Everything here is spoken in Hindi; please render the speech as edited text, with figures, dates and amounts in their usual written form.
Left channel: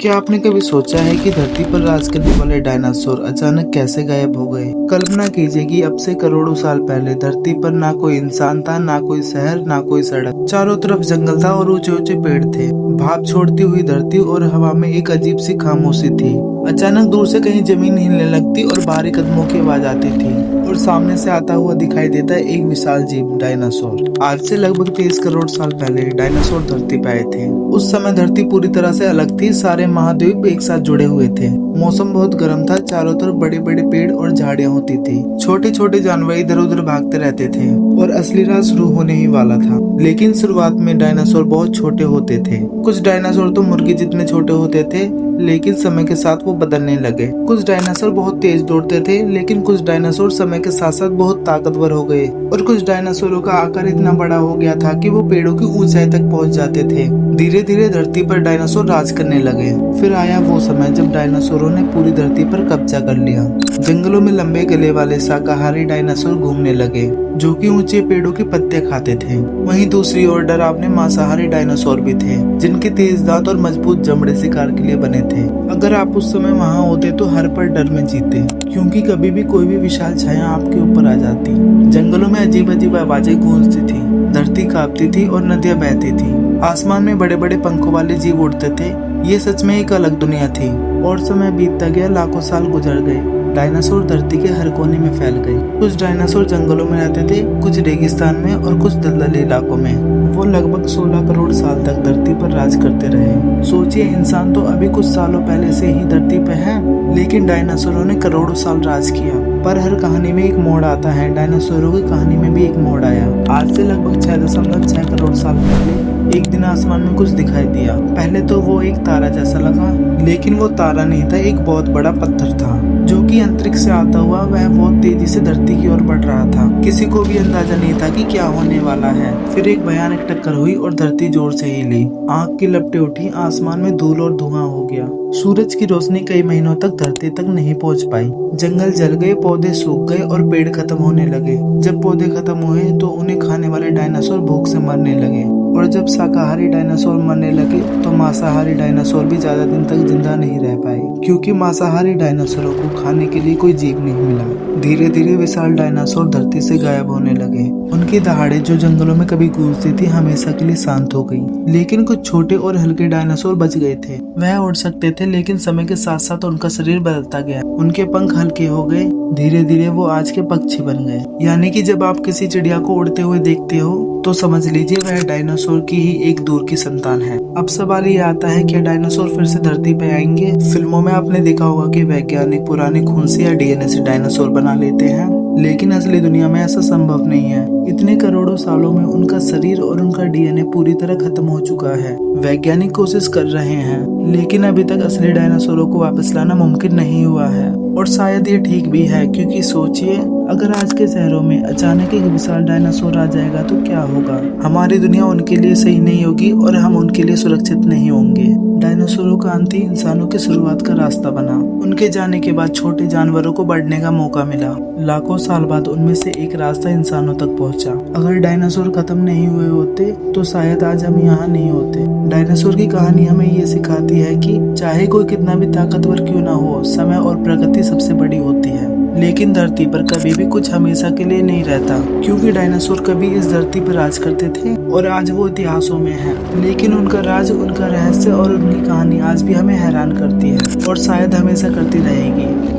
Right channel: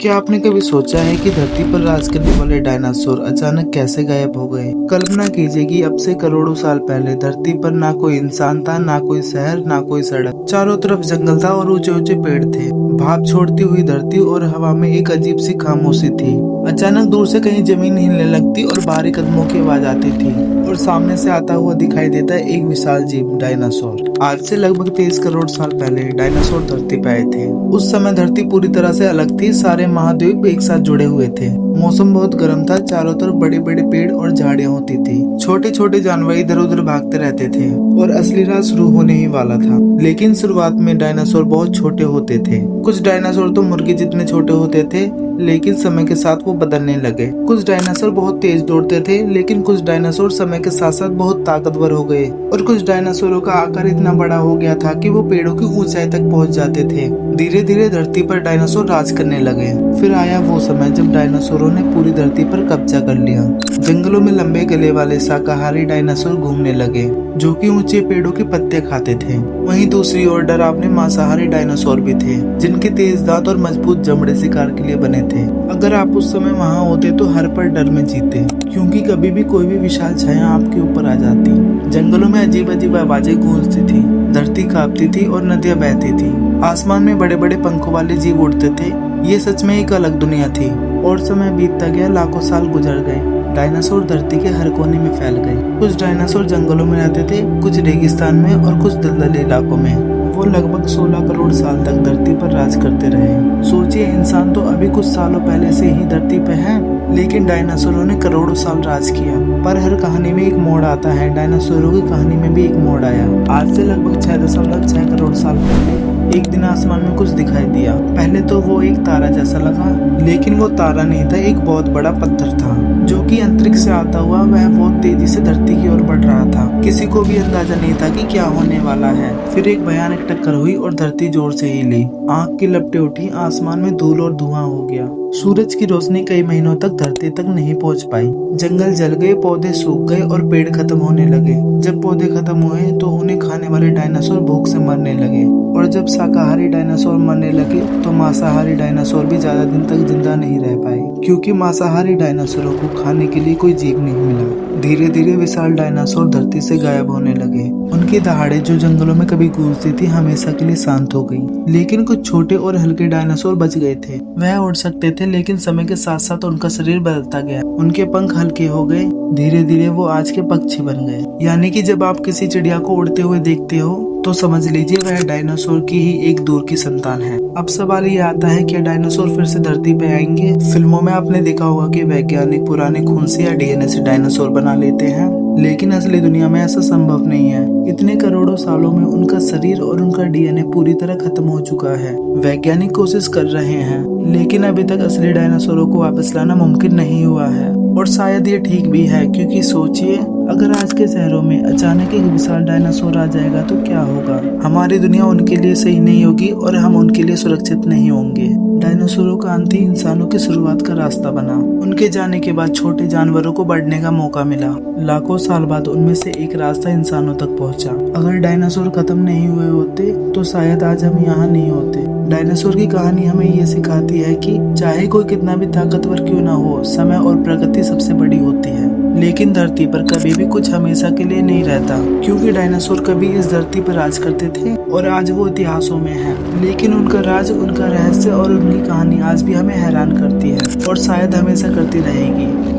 क्या आपने कभी सोचा है कि धरती पर राज करने वाले डायनासोर अचानक कैसे गायब हो गए? कल्पना कीजिए कि अब से करोड़ों साल पहले धरती पर ना कोई इंसान था, ना कोई शहर, ना कोई सड़क। चारों तरफ जंगल था और ऊंचे ऊंचे पेड़ थे। भाप छोड़ती हुई धरती और हवा में एक अजीब सी खामोशी थी। अचानक दूर से कहीं जमीन हिलने लगती और भारी कदमों की आवाज आती थी और सामने से आता हुआ दिखाई देता है एक विशाल जीव, डायनासोर। आज से लगभग 23 करोड़ साल पहले डायनासोर धरती पे आए थे। उस समय धरती पूरी तरह से अलग थी, सारे महाद्वीप एक साथ जुड़े हुए थे। मौसम बहुत गर्म था, चारों तरफ बड़े बड़े पेड़ और झाड़ियां होती थी। छोटे छोटे जानवर इधर उधर भागते रहते थे और असली राज शुरू होने ही वाला था। लेकिन शुरुआत में डायनासोर बहुत छोटे होते थे। कुछ डायनासोर तो मुर्गी जितने छोटे होते थे, लेकिन समय के साथ वो बदलने लगे। कुछ डायनासोर बहुत तेज दौड़ते थे, लेकिन कुछ डायनासोर समय के साथ साथ बहुत ताकतवर हो गए और कुछ डायनासोरों का आकार इतना बड़ा हो गया था कि वो पेड़ों की ऊंचाई तक पहुंच जाते थे। धीरे धीरे धरती पर डायनासोर राज करने लगे। फिर आया वो समय जब डायनासोरों ने पूरी धरती पर कब्जा कर लिया। जंगलों में लंबे गले वाले शाकाहारी डायनासोर घूमने लगे, जो कि ऊंचे पेड़ों के पत्ते खाते थे। वहीं दूसरी ओर डरावने मांसाहारी डायनासोर भी थे, जिनके तेज दांत और मजबूत चमड़े शिकार के लिए बने थे। अगर आप उस समय वहां होते तो हर पल डर में जीते, क्योंकि कभी भी कोई भी विशाल छाया आपके ऊपर आ जाती। जंगलों में अजीब अजीब आवाजें गूंजती थी, धरती कांपती थी और नदियां बहती थी। आसमान में बड़े बड़े पंखों वाले जीव उड़ते थे। ये सच में एक अलग दुनिया थी। और समय बीतता गया, लाखों साल गुजर गए। डायनासोर धरती के हर कोने में फैल गए। कुछ डायनासोर जंगलों में रहते थे, कुछ रेगिस्तान में और कुछ दलदली इलाकों में। वो लगभग 16 करोड़ साल तक धरती पर राज करते रहे। सोचिए, इंसान तो अभी कुछ सालों पहले से ही धरती पे है, लेकिन डायनासोरों ने करोड़ों साल राज किया। पर हर कहानी में एक मोड़ आता है। डायनासोरों की कहानी में भी एक मोड़ आया। आज से लगभग 6.6 करोड़ साल पहले एक दिन आसमान में कुछ दिखाई दिया। पहले तो वो एक तारा जैसा लगा, लेकिन वो तारा नहीं था, एक बहुत बड़ा पत्थर था, जो कि अंतरिक्ष से आता हुआ वह बहुत तेजी से धरती की ओर बढ़ रहा था। किसी को भी अंदाजा नहीं था कि क्या होने वाला है। फिर एक भयानक टक्कर हुई और धरती जोर से हिली। आग की लपटें उठी, आसमान में धूल और धुआं हो गया। सूरज की रोशनी कई महीनों तक धरती तक नहीं पहुंच पाई। जंगल जल गए, पौधे सूख गए और पेड़ खत्म होने लगे। जब पौधे खत्म हुए तो उन्हें खाने वाले डायनासोर भूख से मरने लगे, और जब शाकाहारी डायनासोर मरने लगे तो मांसाहारी डायनासोर भी ज्यादा दिन तक जिंदा नहीं रह पाए, क्योंकि मांसाहारी डायनासोरों को खाने के लिए कोई जीव नहीं मिला। धीरे धीरे विशाल डायनासोर धरती से गायब होने लगे। उनकी दहाड़े जो जंगलों में कभी गूंजती थी, हमेशा के लिए शांत हो गई। लेकिन कुछ छोटे और हल्के डायनासोर बच गए थे। वह उड़ सकते थे, लेकिन समय के साथ साथ उनका शरीर बदलता गया। उनके पंख हल्के हो गए। धीरे धीरे वो आज के पक्षी बन गए। यानी कि जब आप किसी चिड़िया को उड़ते हुए देखते हो तो समझ लीजिए वह डायनासोर की ही एक दूर की संतान है। अब सवाल ये आता है, क्या डायनासोर फिर से धरती पे आएंगे? फिल्मों में आपने देखा होगा कि वैज्ञानिक पुराने खून से या डीएनए से डायनासोर बना लेते हैं, लेकिन असली दुनिया में ऐसा संभव नहीं है। इतने करोड़ों सालों में उनका शरीर और उनका डीएनए पूरी तरह खत्म हो चुका है। वैज्ञानिक कोशिश कर रहे हैं, लेकिन अभी तक असली डायनासोरों को वापस लाना मुमकिन नहीं हुआ है। और शायद ये ठीक भी है, क्योंकि सोचिए, अगर आज के शहरों में अचानक एक विशाल डायनासोर आ जाएगा तो क्या होगा? हमारी दुनिया उनके लिए सही नहीं होगी और हम उनके लिए सुरक्षित नहीं होंगे। डायनासोरों का अंत ही इंसानों की शुरुआत का रास्ता बना। उनके जाने के बाद छोटे जानवरों को बढ़ने का मौका मिला। लाखों साल बाद उनमें से एक रास्ता इंसानों तक पहुंचा। अगर डायनासोर खत्म नहीं हुए होते तो शायद आज हम यहाँ नहीं होते। डायनासोर की कहानी हमें ये सिखाती है कि चाहे कोई कितना भी ताकतवर क्यों ना हो, समय और प्रकृति सबसे बड़ी होती है। लेकिन धरती पर कभी भी कुछ हमेशा के लिए नहीं रहता, क्योंकि डायनासोर कभी इस धरती पर राज करते थे और आज वो इतिहासों में है। लेकिन उनका राज, उनका रहस्य और उनकी कहानी आज भी हमें हैरान करती है और शायद हमेशा करती रहेगी।